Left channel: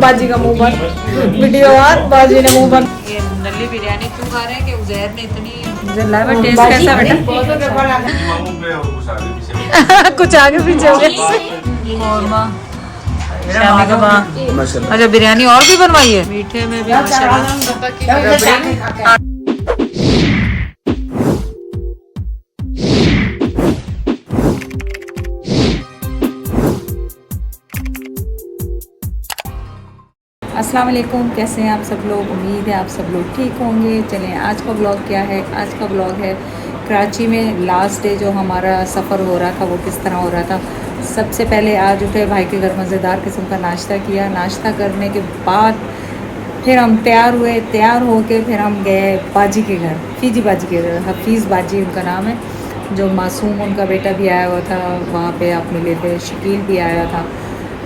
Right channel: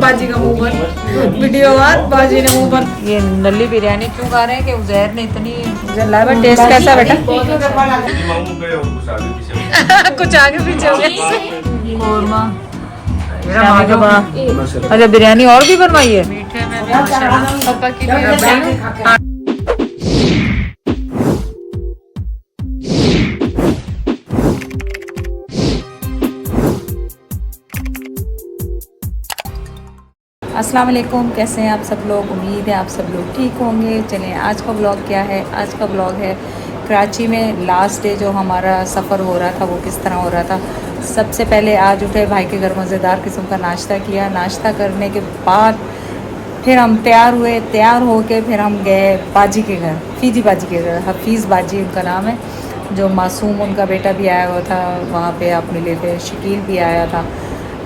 बाजी का मुंह बंद, वीडियो ऑन, बाजी ने मुंह बंद। ये नल्ली बिरयानी क्यों खा रहे हैं कि उजैर ने इतनी लावा टेस्ट कैसा बेटा? कुछ आगे पीछे हो गया। कौरमा, शामी कबाब। अच्छा बिरयानी और भी बनवाई है? मीठे में भी माशाल्लाह रबड़ी। अस्सलाम वालेकुम, कैसे हैं आप सब लोग? उम्मीद है आप सब लोग ठीक होंगे। चलें आज का ब्लॉग क्या है? आज का ब्लॉग है कराची में लास्ट डे जो हमारा सफ़र हो रहा था वो किस तरह हो रहा था। सबसे पहले आज उठे, भाई के घर मज़ेदार किस्म का नाश्ता किया। नाश्ता करने के बाद फिर हम तैयार हुए, तैयार होके फिर हम गए बाजी के घर, फीजी बाजी के घर, हफीज़ बाजी उनका नाम है। जो मासूम उनका बेटा भी आया हुआ था, वहाँ पे आप मिले थे, शकील भी आया था।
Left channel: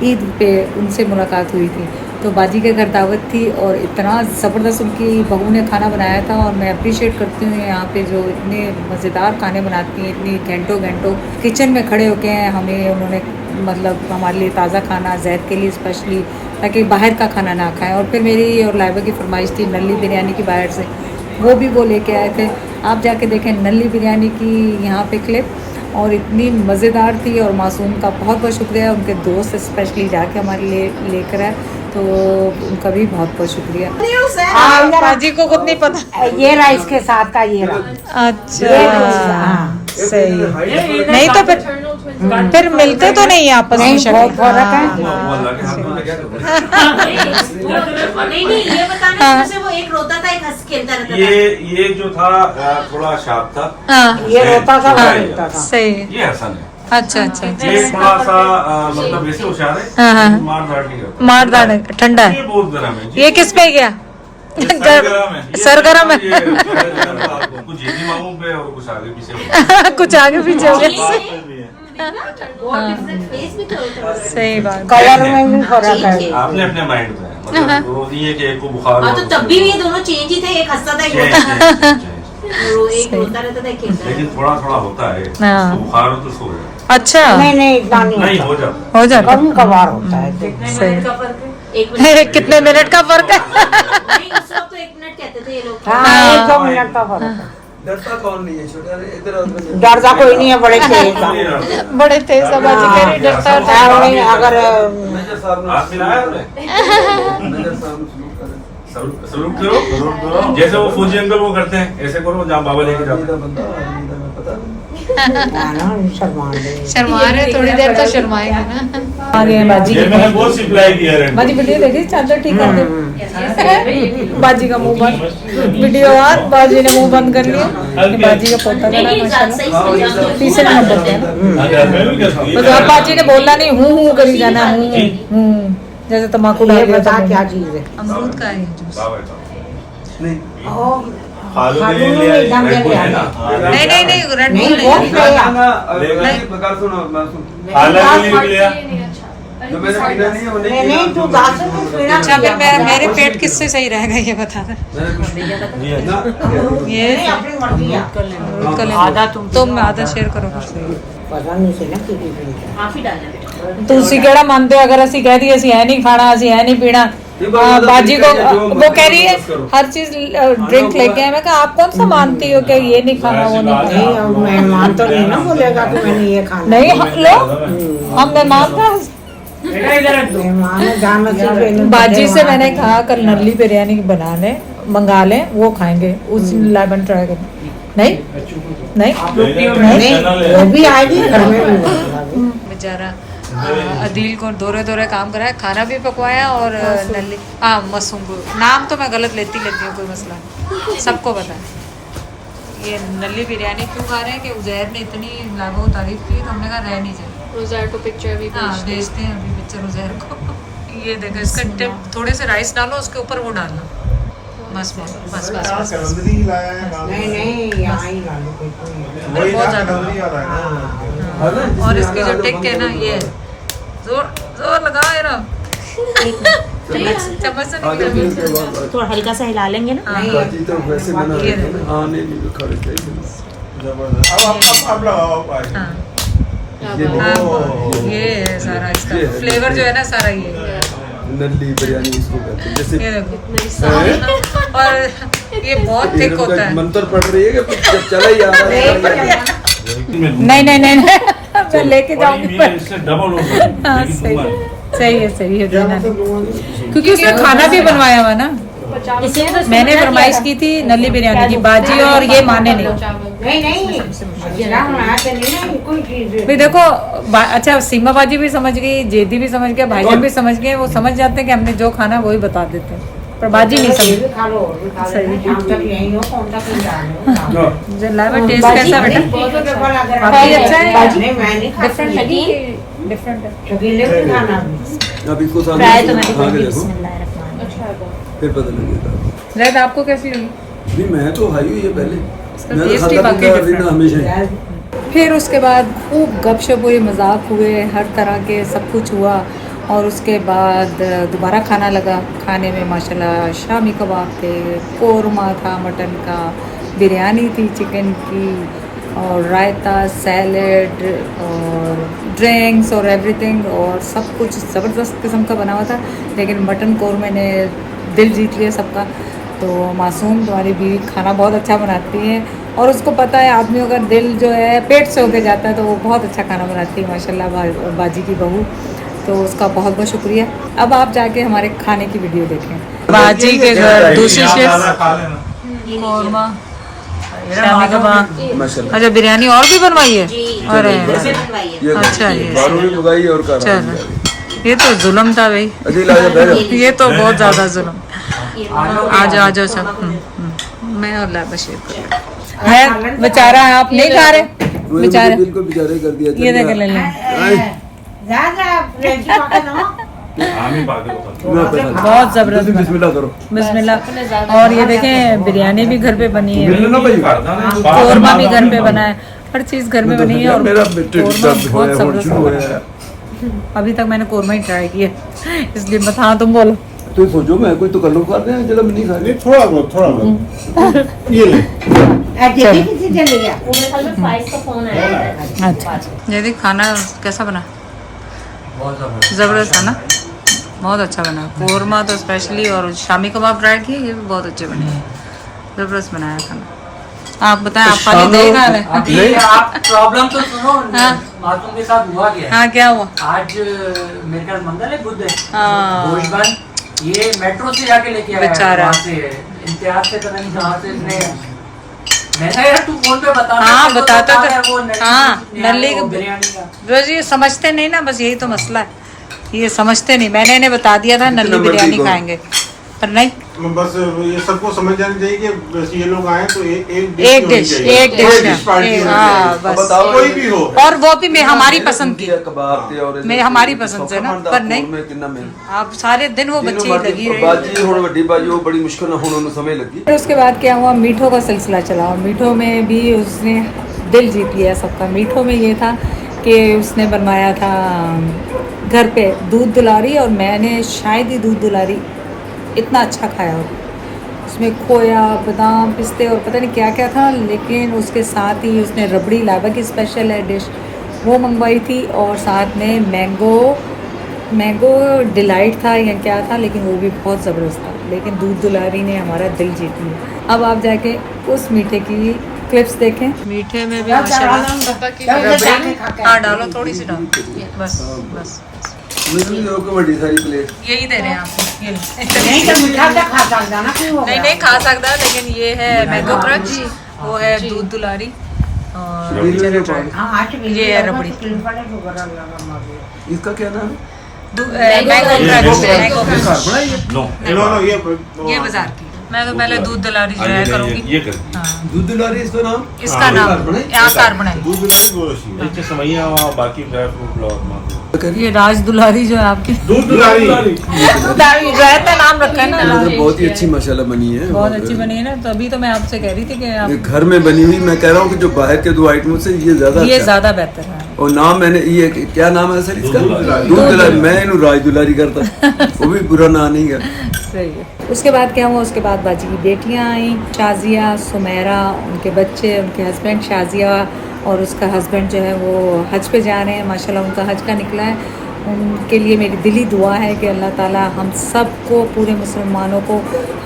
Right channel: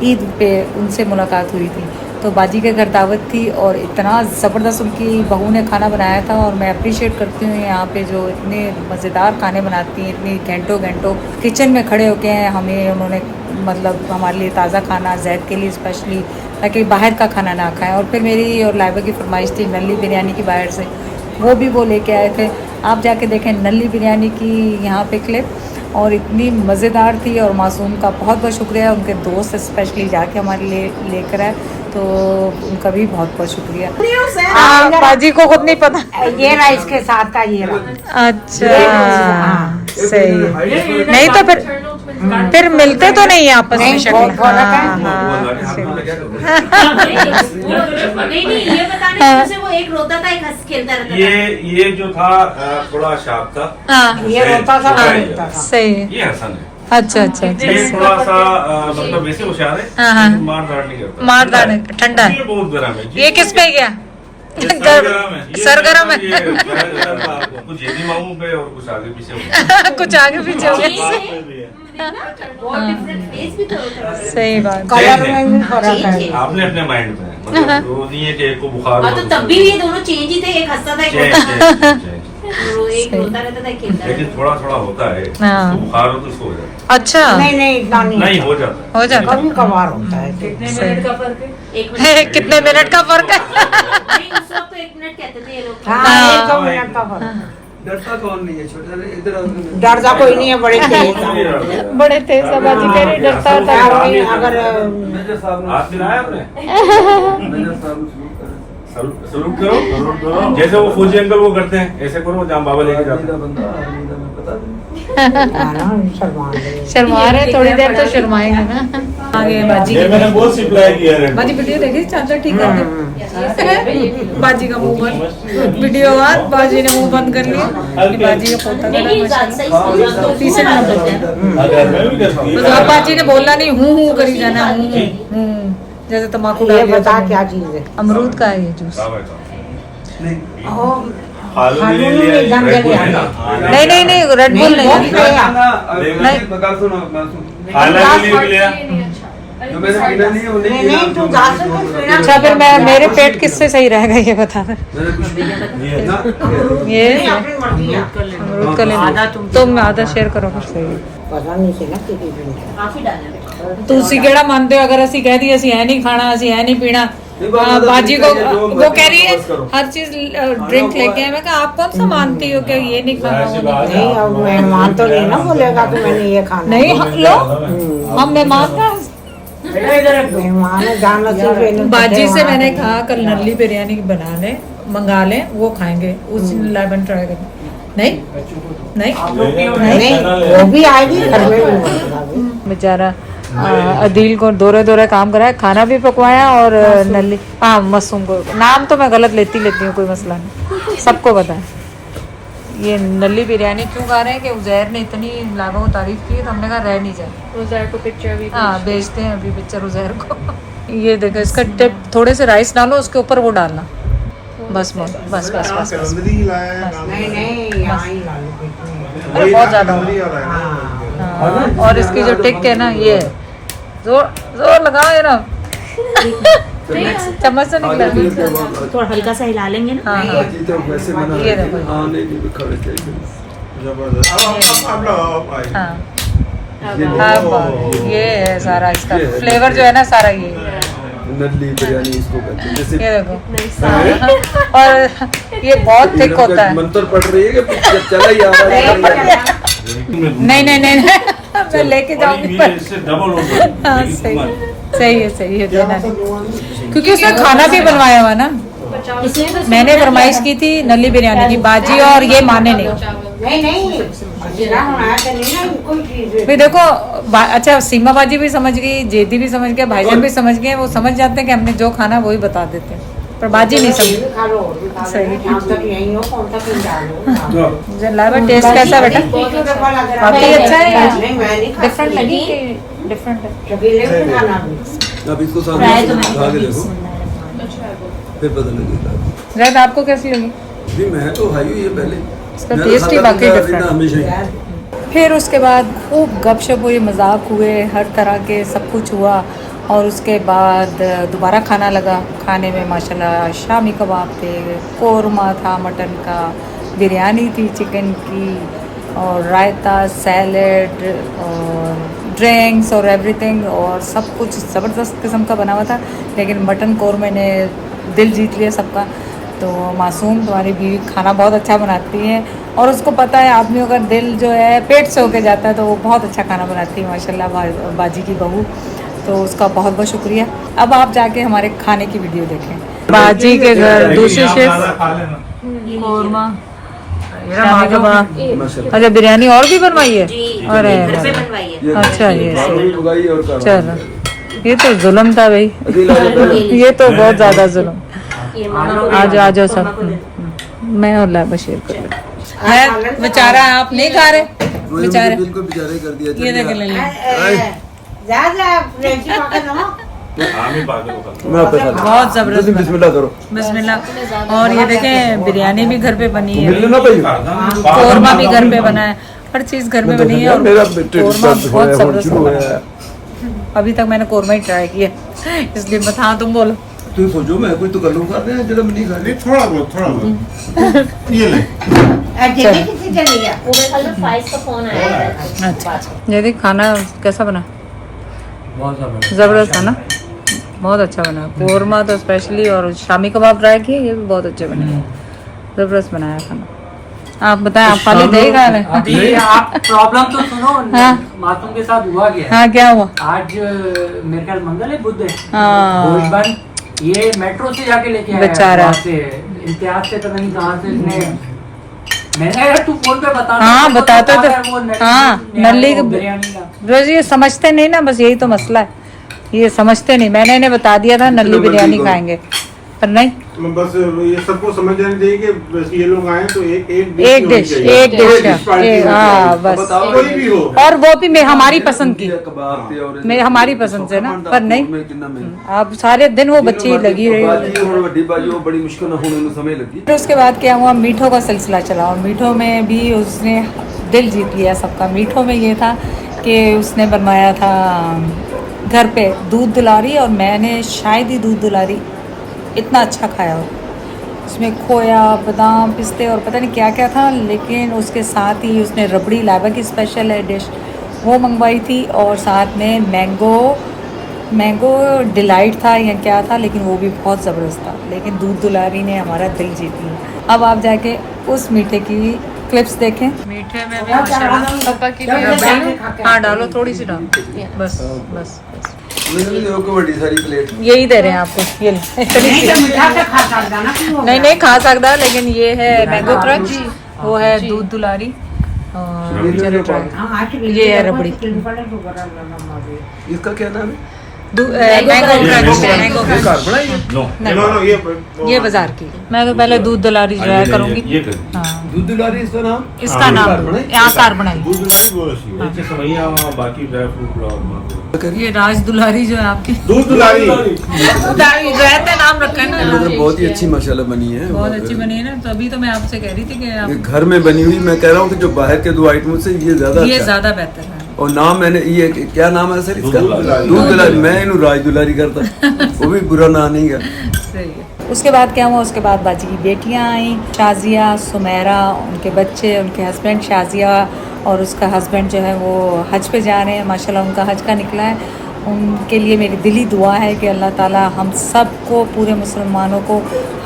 ईद पे उनसे मुलाकात हुई थी, तो बाजी के घर दावत थी और इतना ज़बरदस्त उनकी बहू ने खाना बनाया था। और मैं अप्रिशिएट करती हूँ यहाँ पे जो इतने मज़ेदार खाने बनाती हैं, इतनी घंटों घंटों किचन में खड़े होके हैं। हमें उन्होंने मतलब हमारे लिए ताज़ा खाना, जैद के लिए स्पेशली, ताकि बाहर का खाना ना खाएं। और फिर मेरी और लाइबा की फरमाइश थी नल्ली बिरयानी की बाहर से, वो लेके आए थे। आप जाके देखें नल्ली बिरयानी की यहाँ पे क्लिप, और इतनी मज़ेदार थी। और मासूम का बहुत बहुत शुक्रिया, उनके दोस्त स्पेशली जाके हमारे लिए लेकर आए, तो उनका भी बहुत बहुत शुक्रिया। बाजी को खुद नहीं पता ये ना इसके साथ का ये ना। अच्छा सही है। नहीं तो फिर मिलते तो नहीं आपस में शक्ल। वो एक रोता था, एक हंस खेलता रहता था। ये जो था थोड़ा शार्प था, ये रोता था, सही है। ये हसन है। अच्छा अच्छा अच्छा, ये थोड़ा सा मतलब वैसे होशियार है, हाँ। मारदार नहीं करता। मारदार है, ठंडा। ये बहुत गर्म है। ये किस पे गया? सरगरम है। कुछ जेदी मामू पे और कुछ आगे पीछे कुछ आगे पीछे हो गया। सही बात। कलर में भी फर्क है। आपने अपने माइंड पे मतलब वो ये कि एक को बुखार हो, तो तब भी ये दोनों चेंज ही थे, एक हंसता था, एक रोता रहता था, खेलता लेकिन थोड़ा थोड़ा होता है। हाँ। बुखार हो तो सो जाए। अच्छा नहीं इतना नहीं हो जाता, हो जाता। कभी कभार होता है। कितने मिनट का फर्क है? उस वक्त तो 1 मिनट कहते थे ये लोग। हाँ, 2 मिनट का फर्क है। डरता कौन नहीं है छोटा, इधर डरता कोई नहीं है, बड़े तेज। बड़े थे सबाजी कह रही, डरता था अगर आप मिलाया आपने? सलूक सलूक करो, जैसे वो फौजी अंकल वो करते हैं, ऐसे करो जहाँ बाबा लेके जाते हैं। बंदा पता शर्मा रहे, थोड़ी देर तो शर्माएंगे ना। आगे बाजी के मैंने बहुत सिप्लाई किया है। बाजी वीडियो देखी, चाचा ठीक कर दे। बाजी का मुंह बंद, वीडियो ऑन, बाजी ने मुंह बंद कर लिया। बाजी का पोता तीसरे नंबर पे, तो अब बाजी ने बोलना नहीं, हूँ करी जाना, हूँ जैसे तम्बाकू डाल दिया था। क्या चीज है? अमरूद का है ये जूस। नहीं नहीं रेड बुल नहीं। अच्छा फिर मैं, मेरे पेट किससे सही रहेगा ये बता दे। ये अमरूद का लेना, तुम आधा शेयर करो फिर। सही पसंद नहीं से ना काफी डालना बेटा। ਤੁਸੀਂ ਕਿਹੜਾ ਮੰਨਦੇ ਹੋ? ਅਗਰ ਅਸੀਂ ਕਹਿ ਦਈਏ ਅਸੀਂ ਐ ਨਹੀਂ ਖਾਣਾ, ਅਸੀਂ ਐ नहीं पीना, बाजी को वो कह रही है हर चीज ड्रिंक लेके आए। मैं कहा आप कौन सा मानती हो कि ये नहीं खाना, वो नहीं खाना? मेहमान तो नहीं ना बोलेगा कि मैंने ये खाना। नहीं लो, हम मेहमान का मेहमान जान नसीब। बाजी से मैंने कहा कल नल्ली बिरयानी बना लें, मंगा लें, वो खाएंगे, उस लाइबन ट्राई करें। नहीं वो भी आएगी बेचारा अदील को दौरे काम कराया, खाना भी पकवाया और नल्ली, हाँ मासूम को, नाम तो मैं गलत लेती हूँ, कोई मसला नहीं, सबको पता है। ये नल्ली बिरयानी क्यों खा रहे हैं कि उजैर ने इतनी लाभों को तारीफ की, तो हमने कहा रह नहीं जाए। उजैर को पिक्चर भी, हाँ भेजते हैं अभी पिक्चर उजैर को। ये देखो इसका टिप, थोड़े से राइस डालो, उसके ऊपर वो डालना, बस बस बस बस बस। अरे बहुत ज्यादा हाँ। और इसकी जो टिक है ना, ये जोर लगाओ ये ना, चम्मच से निकला, थोड़ा हल्का सा हिला लेंगे ना। हाँ ये देखो, हाँ ये है सारा इसका फ्लेवर जो है ना, सारा ये नल्ली बिरयानी इसको कहते हैं। जैसे ये देखो और ये बहुत थिक होता है। मंत्र पढ़ रही है कि जब चला ही आता है नहीं नहीं नहीं नहीं, मैं लेके जाऊंगी पर इससे डबल हो हाँ, सही है देना नहीं। क्योंकि उसने खाना भी बनवाया हुआ ना। मैंने फरमाइश की थी नल्ली बिरयानी की, बाजी और ये माने नहीं। नहीं जीरा बनाया तो नहीं ना कोई चीज फिर देखो अच्छा सीमा बाजी भी समझ गई, जेदी भी समझ गया, भाईजान भी समझ गए। वो समझ जाते हैं कि हमने जो खाना वही बता देते हैं, पर बाजी नहीं समझ। खा लो और भी खा लो सही। हम तो यही हो कौन सा कहीं जा लो लावा टेस्ट कैसा बेटा? काफी अच्छा है। नहीं मैं नहीं डिफरेंट है, डिफरेंट है। शकीले भी खाना भी अब इसको सामने फ्राई तो मैंने खा के कभी देखो फिर पता लगेगा। जैद आपको कैसी लगी? भी मैं तो खाई हुई है पहले, इसका मैं तो टेस्ट ही खाता काफी पीता different रहना हमेशा ही। फिर उसके बाद खूब गपशप हुई, मजाक हुए, हर तरह के सब कुछ हुआ। और उसके बाद दोबारा खाना लगा। खाने में माशाल्लाह शामी कबाब थे, कोरमा था मटन का, बिरयानी थी चिकन की, और रायता, सैलड और ड्रिंक्स और एवरीथिंग, और सब कुछ ज़बरदस्त किस्म का बना हुआ था। लेकिन मटन कोरमे ने दिल जीत लिया सबका। तो मासूम तुम्हारी बीवी खाना बहुत अच्छा बनाती है, और उसको पता है आदमियों का दिल जो है पेट से होके जाता है, तो वो बहुत अच्छा खाना बनाती है माशाल्लाह बाजी की बहू। तो उसका बहुत बहुत शुक्रिया। अब आप जाके हमारे खाने की वीडियो देखें। बाजी के घर दूसरी शेफ कोरमा, शामी कबाब, माशाल्लाह अच्छा बिरयानी और भी बनवाई है। अरे बनवाई है। अच्छा ये सही। उगाई और कर चलो ये तो जुल्म था भाई, अजील आजा बैठ ये तो बहुत ज्यादा जुल्म। ये मानो आ जाओ सब। मैं अल्लाह बशीर कर बेचारा आप नहीं खा रहे मुझे बिल्कुल बेचारे कर दिया। ये देख ले जा फ्रेश पका दो बहुत जबरदस्त बना। बिस्मिल्लाह करो। बिस्मिल्लाह। और ये देखें बिरयानी भी घर पे बनी है, मिलना भाई कोरमा भी घर पे बना है, हर चीज घर में बनी है। और कोरमा बहुत जबरदस्त बना है। अभी तक मैंने कोरमा ही ट्राई किया, इसलिए बता तुम बोलो। तू सोचो मैं कोई तो कल्लू खा रहे हैं जरा मैं नहीं खा रही। थोड़ा बहुत ये ले देखिए किसी चली गया पूरे कल फ्राइज का फोन आया। अच्छा ये देख खाना कैसा बना? जबरदस्त है ना, बहुत अच्छा बना। कोरमा तो स्पेशली, और शामी कबाब ट्राई किए, ये भी बहुत अच्छे बने, जबरदस्त बनाया खाना। आप बताएं, आप खाली दही खा रहे हैं? अभी आप प्रॉब्लम तो सुनो। हाँ। मासूम के साथ हुआ क्या है? हाँ क्या हुआ? आज मेरे ख्याल मंगल है, बुध है, हाँ। भोज बन ये मेट्रो से जाके लेके आया बेचारा। वहाँ से इम्तियाज से पता नहीं कहाँ से इसने। मैंने यार तू फोन पे बता। हाँ, बताता तो। वो नल्ली हाँ, नल्ली वो बिरयानी का। बस ये समझते नहीं ना, बस यही तो मसला है, ये समझते नहीं। मैंने इन्हें बता दिया था नल्ली बिरयानी खाएंगे, पर नहीं। बस ये सबको समझ जानी चाहिए कि बस ये लोग आए तो एक डिश हाँ बस। कोई भी हो और वो भी मैं हमारी पसंद की, कबाब थे और मैं हमारी पसंद से ना, पर नहीं आप सारे दिन वो बच्ची लगी रही। बाजी थोड़ी बड़ी बाजी वो बड़ी मुश्किल ना होने में समय लगी। फिर उसके बाद क्या हुआ, मीठों का सिलसिला चला, और मीठों में भी उसने दिल जीत लिया सबका। मीठों में ये था कि उसने बनवाया था घर पे दूध दुलारी, और मैंने शायद ही दूध दुलारी इतना अच्छा खाया हो। उसमें खोया, बादाम, पिस्ते और पता नहीं क्या क्या था, लेकिन उसके साथ ही उसने रबड़ी, लावा की स्पेशल है डिश, वो मंगवाई थी, और साथ में मैंगो डिलाइट था या क्या था, लेकिन वो भी बहुत ज़बरदस्त था। लेकिन दूध दुलारी ने हमारा दिल जीत लिया। अब आप जाके उस मीठे की क्लिप्स देखें। मीठे में भी रबड़ी, हाँ डालो, थोड़ी सी डालो, बस बस बस बड़ी सारी प्लेट यही दे रहे हैं आपको, ये ले। नहीं खा सकता, लेकिन ये है मैंगो क्रंच, वो है दूध दुलारी, और चलो ट्राई। ये है रबड़ी, इसका क्या नाम है? मैंगो क्रंच, मैंगो नो ये बाजार की। मैं तो पहले दूध दुलारी ट्राई करूंगी। ये कर हाँ, दूध दुलारी इसका नाम? इसका नाम आकार बनाई। नीचे सवैया बाकी ड्राई फ्रूट ये राज दुलारी जो है आपकी, दूध दुलारी दुलारी जो है नाम रखा है ना, बहुत ही अच्छी माशाल्लाह बनी है। बहुत अच्छी बनी है ना। तो अभी तो मैं आपसे कह रही थी कि आप ये घर में बनी हुई, मैं कह रहा हूँ कि जो बाहर के दो आइटमों से ये ज्यादा ये अच्छा है। ज्यादा बेहतर है। और नाम मैंने ये क्या नाम है सर इसका? दूध दुलारी। मैं इन्हें राज दुलारी करता, वो भी बुरा नाम नहीं है। सही है। उसके बाद क्या हुआ, उसके बाद बाजी की बेटियां आई, शाजिया, सुमेरा, उनके बच्चे, उनके हस्बैंड शाजिया और उसका हस्बैंड जो है वो हज पे जा रहे हैं, माशाल्लाह उनका हज का निकला है। उनके लिए मेरी दिली दुआ है कि अल्लाह ताला हम सबको, पूरे मुसलमानों को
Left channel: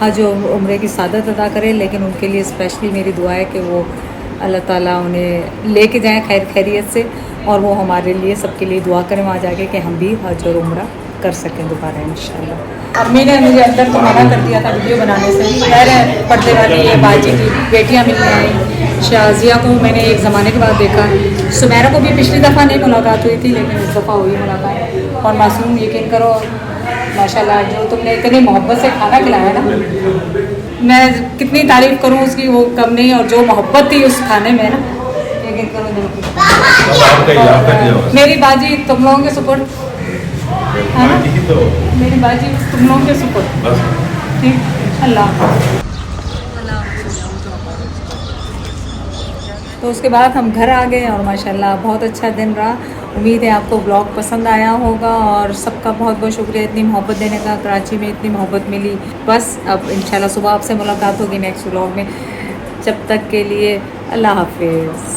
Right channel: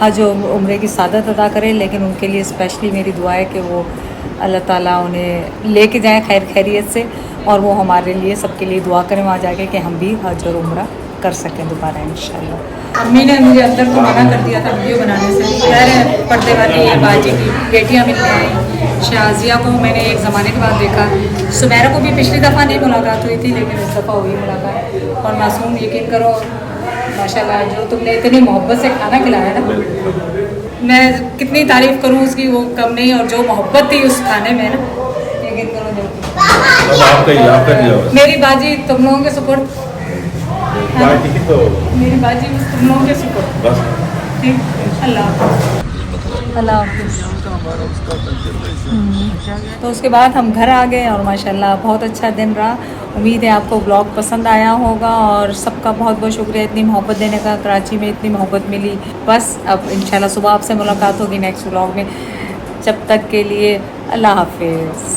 हज और उम्रे की सादत अदा करे। लेकिन उनके लिए स्पेशली मेरी दुआ है कि वो अल्लाह ताला उन्हें लेके जाए खैर खैरियत से, और वो हमारे लिए, सबके लिए दुआ करें वहाँ जाके कि हम भी हज और उम्रा कर सकें दोबारा इंशाल्लाह। अम्मी ने मुझे अंदर तो मना कर दिया था वीडियो बनाने से। खैर पर्दे वाली ये बाजी की बेटियाँ मिलने आई। शाजिया को मैंने एक ज़माने के बाद देखा, सुमेरा को भी पिछली दफ़ा नहीं मुलाकात हुई थी, लेकिन इस दफ़ा हुई मुलाकात। और मासूम, यकीन करो माशाल्लाह, जो तुमने इतनी मोहब्बत से खाना खिलाया ना, मैं कितनी तारीफ़ करूँ उसकी वो कम नहीं। और जो मोहब्बत थी उस खाने में ना, यकीन करो मेरी बाजी तुम लोगों के सुपुर्द है ना, मेरी बाजी बस तुम लोगों के सुपुर्द। ठीक, अल्लाह तो उसके बाद हम घर आ गए और माशाल्लाह बहुत अच्छा दिन रहा। उम्मीद है आपको ब्लॉग पसंद आया होगा, और सबका बहुत बहुत शुक्रिया इतनी मोहब्बत देने का। कराची में इतनी मोहब्बत मिली। बस अब इंशाल्लाह सुबह आपसे मुलाकात होगी नेक्स्ट ब्लॉग में। जब तक के लिए अल्लाह हाफिज़।